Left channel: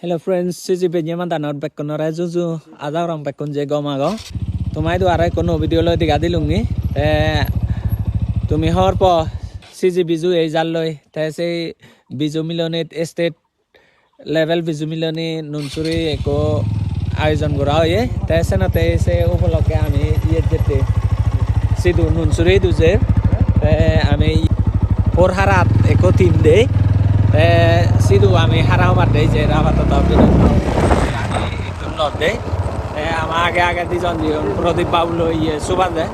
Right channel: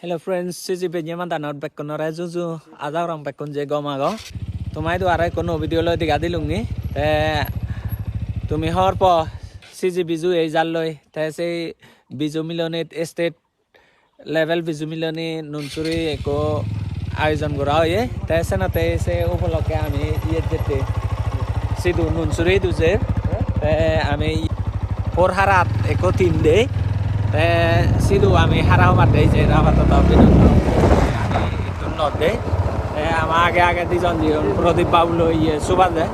Hello friends, sisi penye man tanot bekon ora juju ada orang bekon je gomago. Tumai tu arai kono video lo diga dilungi. Tumi hor po sisi biju ei jalloi. Te sei biju miloni state level biju miloni nunsuri eko আয়োজন করা হয় তাই সেনাতে সে উপলক্ষে আমি ইয়ে যেতে সিধু নুনসুরি দুজে আমি ওর হারাত একো তিন দে সিধু আমি হারাও মাতে যে আপাতত আমি নত দে আমার আগে আগে দুজন প্রদীপ বাবু ইয়ে সুবাদ দে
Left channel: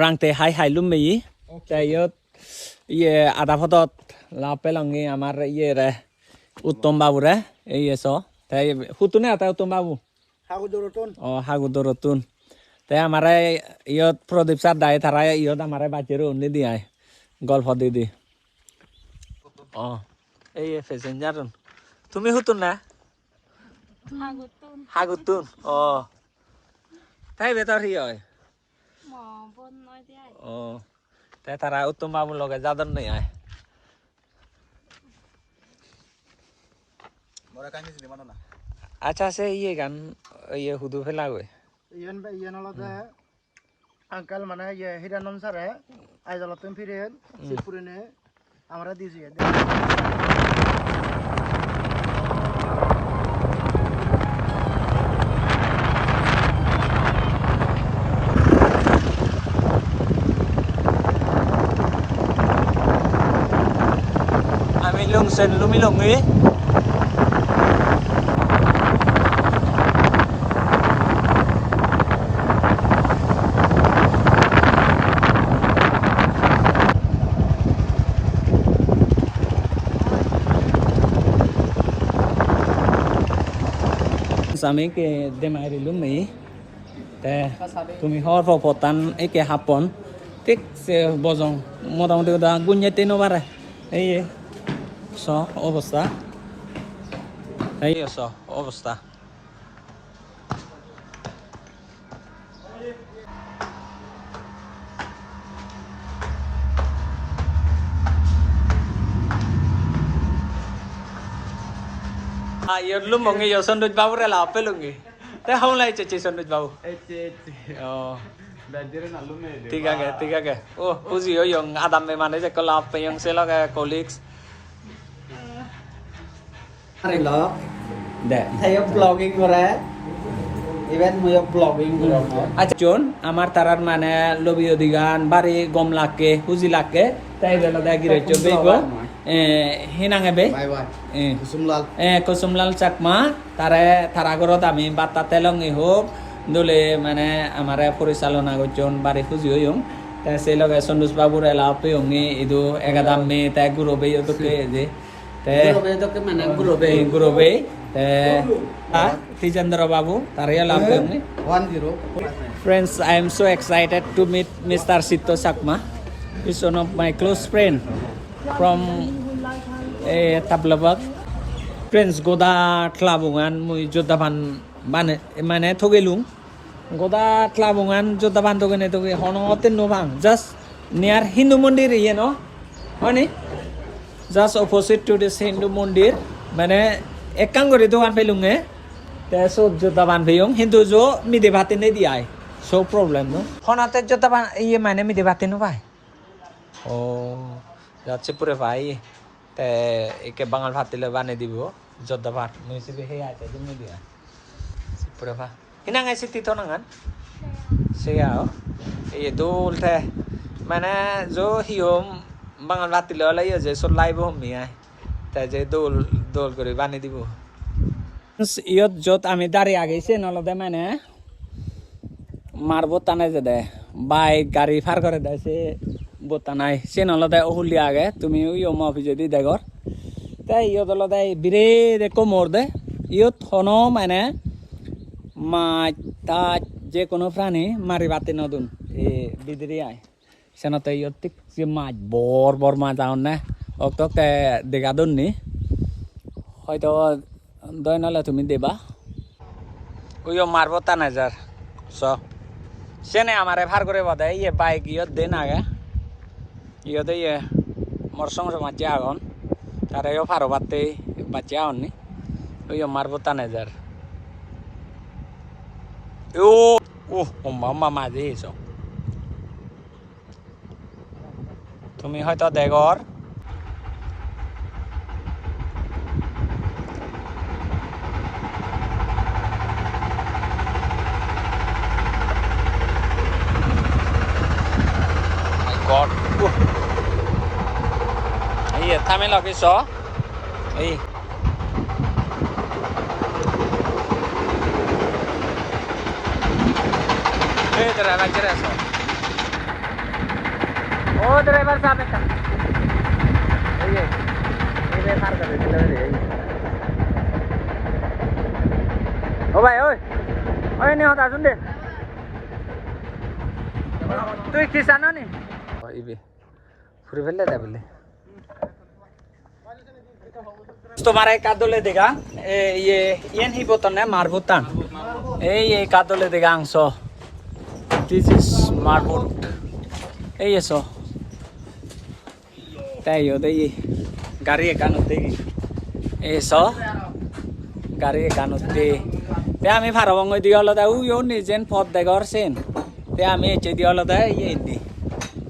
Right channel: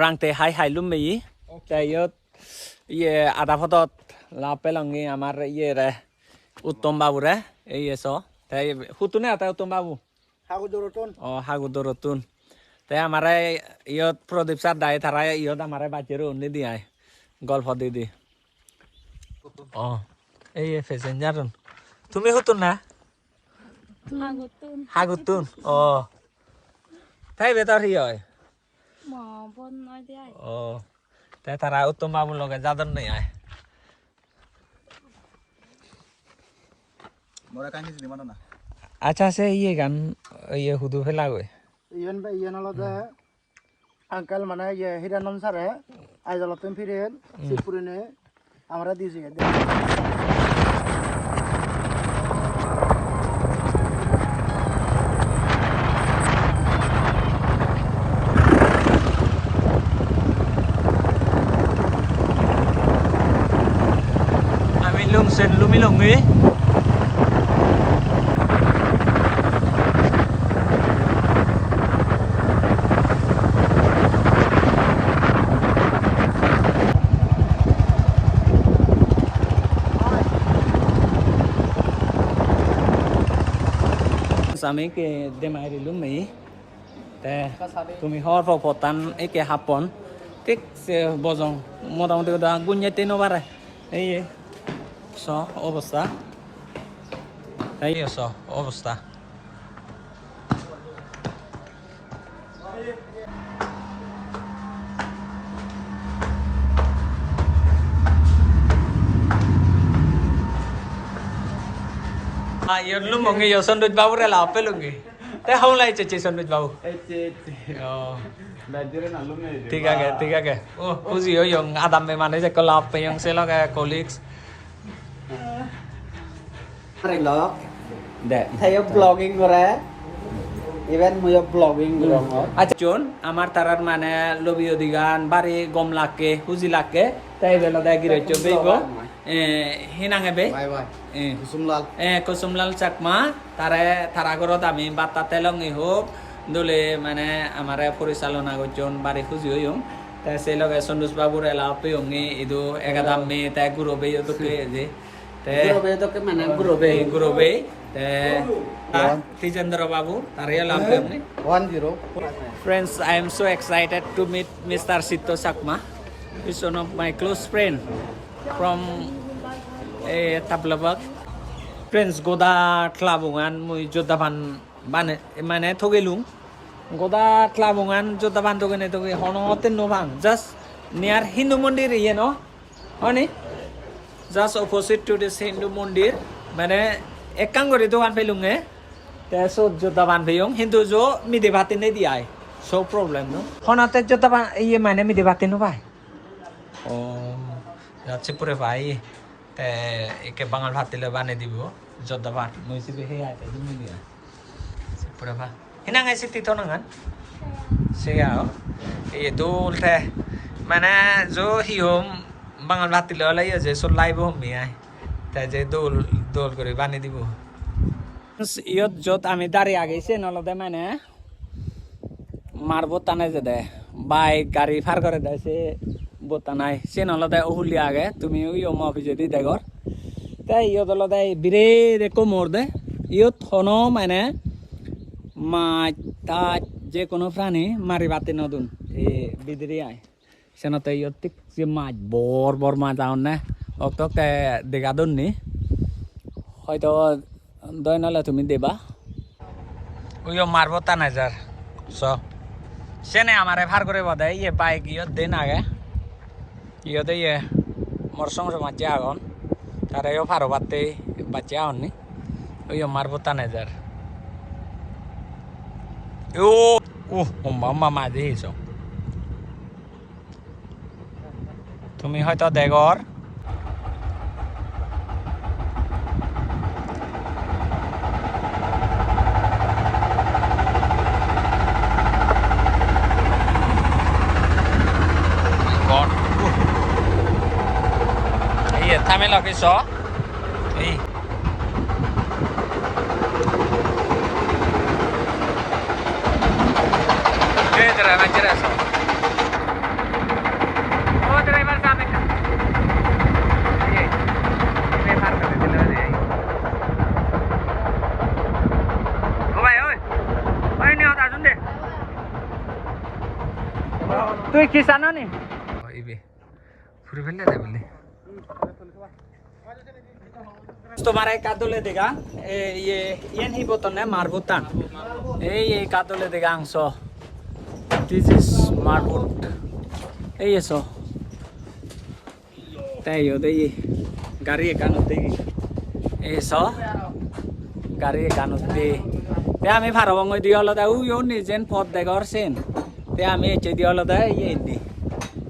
রাংতে হাই হাই লুমবি তাই ইয়ে আধা ফটত লাভ পেলংগি আমার ইয়ে রে উত্তম বাবু রে এই এসো তাই হুতুনে আতা উত্তম বাবু হাগুদরতুন তাই আমারে ইয়ত প্রদীপ স্যার দায় তারা ইয়ত আমারে বাচ্চারও উন্নি দিয়ায় গল্প দিদি এই প্যাসেঞ্জার তুমি হুতুন না হাগুতুন তাই বেতর ই হয় তাই তারা উত্তম বাবুর লগে যাদন নেই আয় আচ্ছা সে ইয়ে গান ইয়ে হুদু ফেলা গই ইয়েন হলো যে আঙ্কেল মানে ইয়ে হিরানন স্যারে আইজলতন ফিরে শিবপুরিনে আমরা দিয়েছি sen lumilongi sami ke demari lumi te tumi hor fo potan eke hapon tik se bozong motamoti udah gunyete no bare ei অবস্থা এই অবস্থা yêu lúc một người yêu sân đôi bao ra là phải luôn gì thế không lại chơi sân đôi bao tiga ke uji yo yung adam me mane je kolap pe yung selo ke colleagues Vlog, saya vlogging kora, even saya vlogging kora. Acun, amar tarar mana lobby odigan, bari gom lake, huzi lake, tay bela day gire cobe go, hinang ebe, Kusumlal Chakma, taragorot ami bata telong ihop, dule mana amare purisalona go jon bari huzi oyong, tay selo ke sondus babur elape yongi itu egadam me tay guru be yo tuke je. Gurobe Tijandra Babu Taria Lampi 10 Friends, I am so excited to meet Mr. Sito Sakma. He's one of my close friend from Tablabag. Friends, Goda Klabungan Mui Jodaban Bane Mane Togelung Goda Klabungan Jodaban Togene Toge Honoten Novang just near Hindu Mandir, you know, honey. Just opposite to this Hindu Mandir, मैंने एक कंगोरी दुकान पे लूँगे, तो जो दुकान पे यूँ हिंदू जो मिडे बातें नहीं दिया है, so problem नो, होना तो जो दुकान ये मैंने मिडे बातें नो भाई, जाचे पूरे भाई, तो एक बंगाल बातें ले बाने दिवो, जो दुकान मुझे भी है यार, तो नहीं दिया, पूरे भाई, हिना ऐसे तीतों नंगन, से आओ, ये दूल थे, मैंने जो ही होम বাঙাল ভাতিলে হলে যে সব লাইব হমি আয় তাই যে দোল করে বানিয়ে দিব ইয়ত যত আমি দাঁড়িয়ে আগেছে নলদে মানে মার বোতানে যে দেয় বাইক গাড়ি ফার করে দেয় সে বোতানাই সে নলদে ওহুলি আগে তুমি ওই অফিসে দি দেখর তাই ইয়ত হলদে বিরে দেখো মোর দে ইয়ত হন মানে মাছ তাজ যে কোনো প্রাণী মারি বাতি নতুন এই বিদিরি আয় senate yo tik si maj bor ma taon na ok te degadon ni hoyto doy nala tumi deba uyo marbo tanajar so sene amare bhar kore bode ye bike yo den age ইয়তে ইয়ে মোর সঙ্গে মাঝে আগুন তারাইও ফারো বাড়তে বাচ্চা আহননি ওই মারবো তানেজার ও ও মাম্মা মাঝে এসো তুমি হয়তো দেখর থামে লগে স এই ও ড্রাইভার সাহেব এটা এই ও ভাই ওই ওই নে হতা শুন দে তুই কিসান নি ইবে ফুরি ফেললে যাবে तुम्हारा एक कादोले देगा ये नहीं बोतन है मारबोतन ये कादोले देगा अंशो दिस इज मारबोट ये सो ताई होते ये गाड़ी कान होते ये सो गाड़ी कान होते ते आम्ही फारवंग दिवला दा यो निजेन पद देगर सेन ते आम्ही एचे दिवला दा ये इन्नी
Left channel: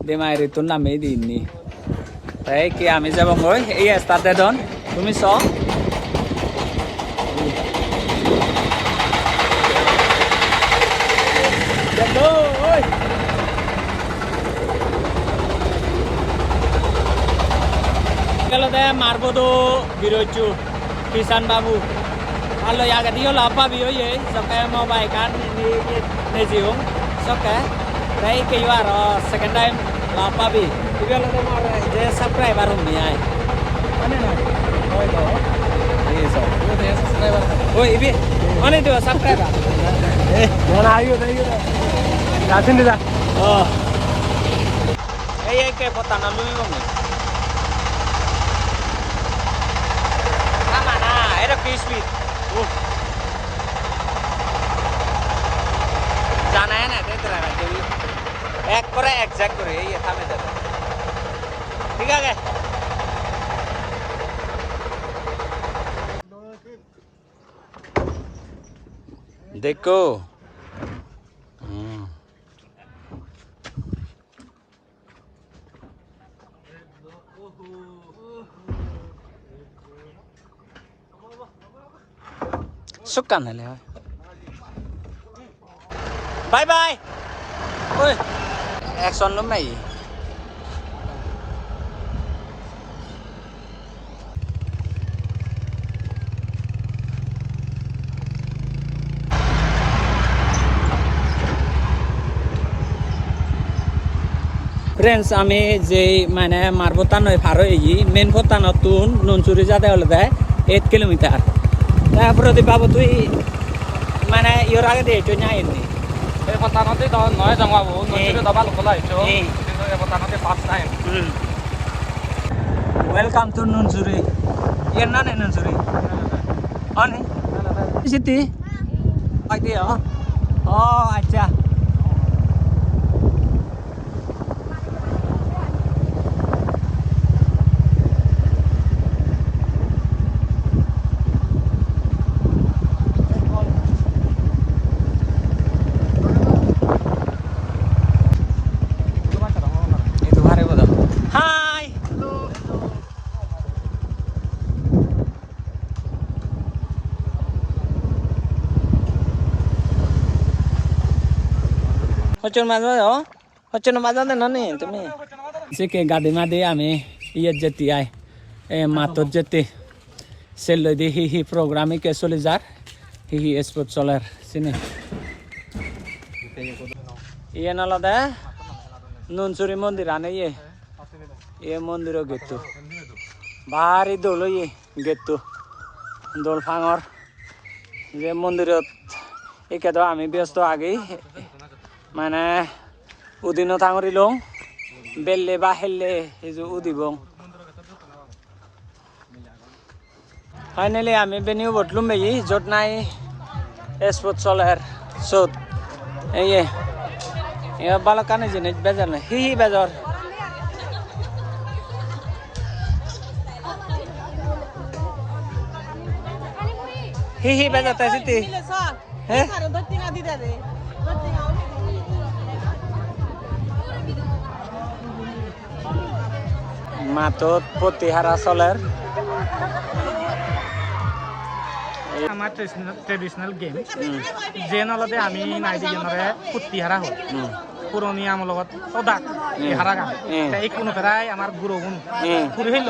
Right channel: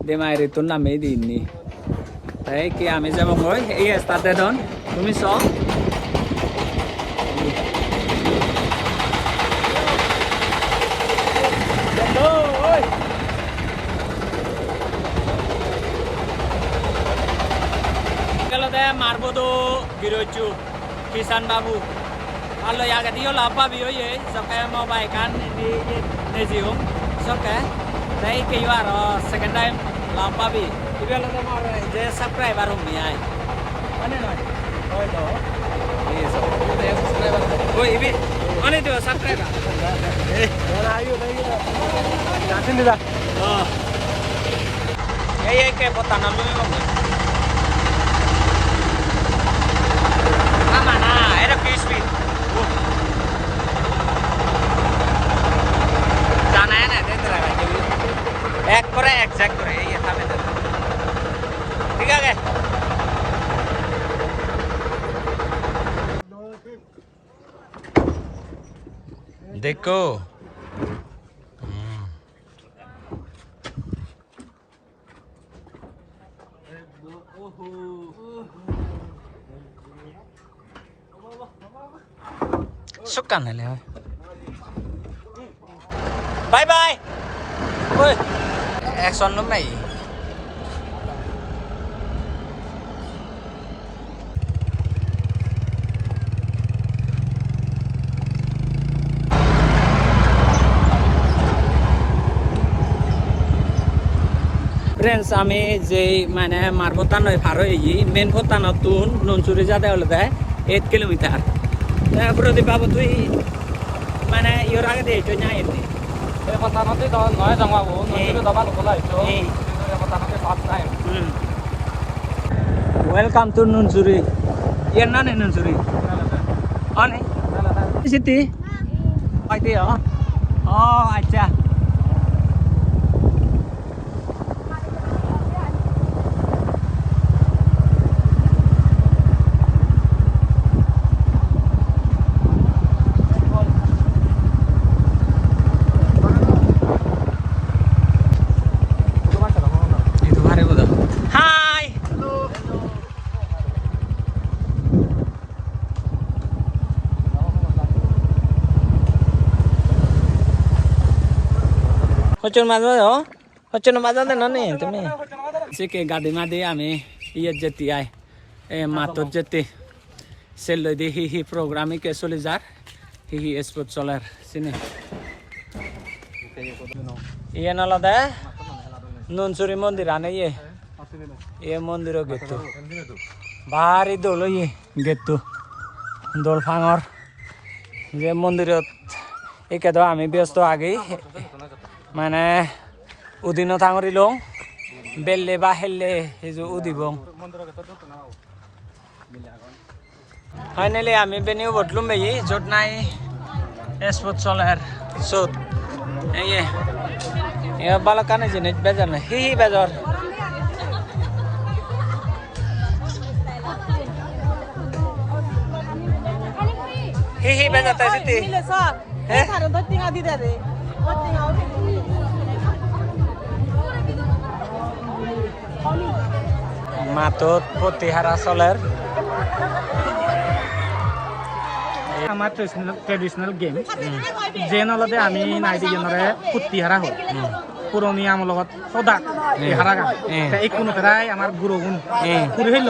दे मायरे तुन नामे दिन्नी ताई की आम्ही जब मोय ये स्टार्ट दन তুমি চ মারবো বিরোচু কিষান বাবুalo ya cái điều là ba bị vậy sao cái mobile can này gì không sao cái đấy cái vào rồi second time là ba bị cái điều là tôi mà để subscribe vào mình ai anh này ôi đó đi rồi ôi ibi anh itu subscribe à mana ayo tadi asin đi ra cái botan nó luôn mana ada crispy এক করে exact করে এই থামে দেন ঠিক আছে দেখো sukan hale bye bye oi action lắm này friends आमी जे माने मारबोतान फारो एई मेन बोतान तुन ननसुरी जाते हले दे 8 किलोमीटर तापर दे बाबू तुई माने योर आगे दे तो न्याय नी ए बोतान दे तो नय जावा बहु नय तो दबा कोलाई तो ए बोतान दे पास नाय वेलकम टू ननसुरी ये ना ने ननसुरी अने सिटी आइते ओ अच्छा হচন মাজা দেন নে তুমি সেকে গাদি মাদি আমি ইয়ে যেতে আই এ মাতর যেতে সেল লই দি হি প্রোগ্রামে কে চলে যার হি স্পোর্ট চলার সিনে ইয়ে নালাদা ননসুরি মন্দির আনে এ মন্দির গেতো ভারি দোল ইয়ে গেতো দোল ফাঙর যে মন্দিরত একে তো আমি ব্যস্ত আগেই মানে উদিন থাঙরি লং বেললে বা হেললে হেজু উদিবং ফাইনালি আমি বেনিও বটলুম বেই যত নাই স্পোর্ট চলের সত এই এ বালকানে জিনিস বেজার না হি বেজার Hihi bajata siti. Eh? Matot Putihara Soler. আমার ট্রেডিশনাল গেম যে নলতে আমি নাইদি জনরে পুতি হারা হল পুরনি আমার লগত সদা এই হারা গান এই কোনো ফেরাই আমার গুরুগুণ পুরি হইল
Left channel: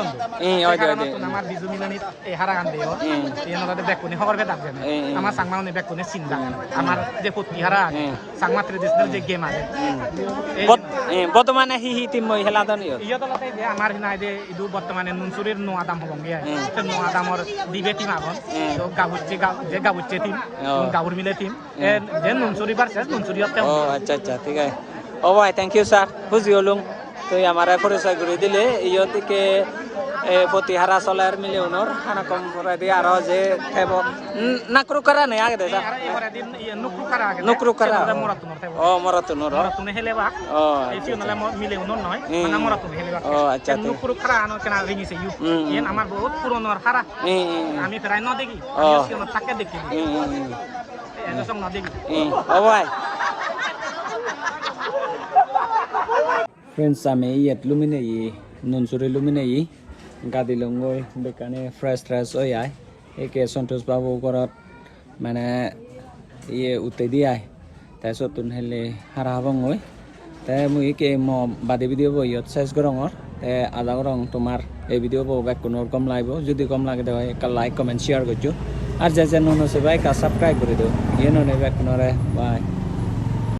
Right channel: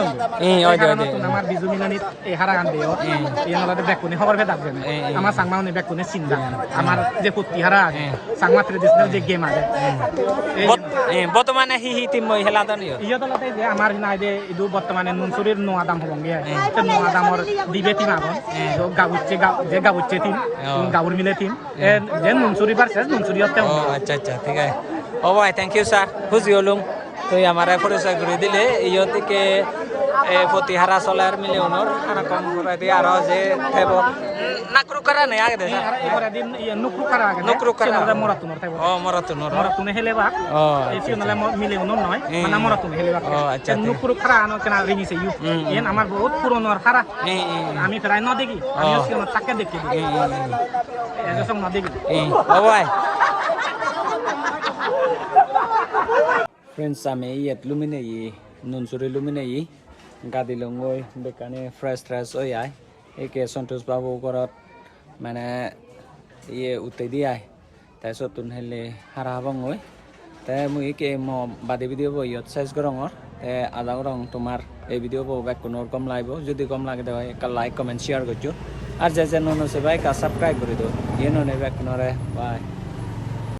আমার বিজু মিলানিত এই হারা গান দিও এই নলতে বেকুনি খবর ফে ডাকবেন আমার সাংমা উনি বেকুনি চিন্তা আমার যে পুতি হারা সাংমা ট্রেডিশনাল যে গেম আছে বর্তমানে হিহি টিম মই হেলা দন ইয়া তলতে যে আমার নাইদে ইদু বর্তমানে নুনসুরির নো আদাম হবঙ্গে সে নো আদামর দিবে টিম আগন তো যে গাবুচ্ছে টিম গাবুর মিলে টিম যে নুনসুরি ভার্সেস নুনসুরি হতে ও আচ্ছা আচ্ছা ঠিক আছে ও ভাই থ্যাংক ইউ স্যার বুঝি হলুম তো আমার পরিচয় করে দিলে ইয় থেকে Putihara Soler মিলিয়নর আনাকম করে দিয়ে আর যে থেব নাকরু করা নাই আগে দেশা এবারে দিন নুকরু করা আগে নুকরু করা মরাতুনর থেব ও মরাতুনর মরাতুনে হেলেবা ও এই সিনলে মিলিয়নর নয় মানে মরাতুনে হেলেবা ও আচ্ছা নুকরু করা আনো কেনা রিমিছে ইউ এন আমার বহুত পুরনোর হারা আমি প্রায় ন দেখি আমি সিন তাকে দেখি এজসং ন দেখি ও ভাই Friends, আমি ইয়াত লুমিনে নুনসুরি লুমিনে গাদি লঙ্গই বেকানে ফ্রেশ হই আয় একে সন্তোষ বাবু ঘৰত মানে ইয়ে উঠে দি আয় তাৰপিছত তুন হেলে হাৰা হাবংগৈ তে মই একে ম বাদে ভিডিঅ' বহি ইয়াত চেছ গৰঙৰ তে আদা গৰং তোমাৰ এই ভিডিঅ' বহ বেক কোনৰ কম লাগিব যদি কম লাগে দেয় একটা লাইক কমেন্ট শেয়ার করছো আর যে নুন আছে ভাই কা সাবস্ক্রাইব করে দিও ইয়ে ননে বেক কোনরে বাই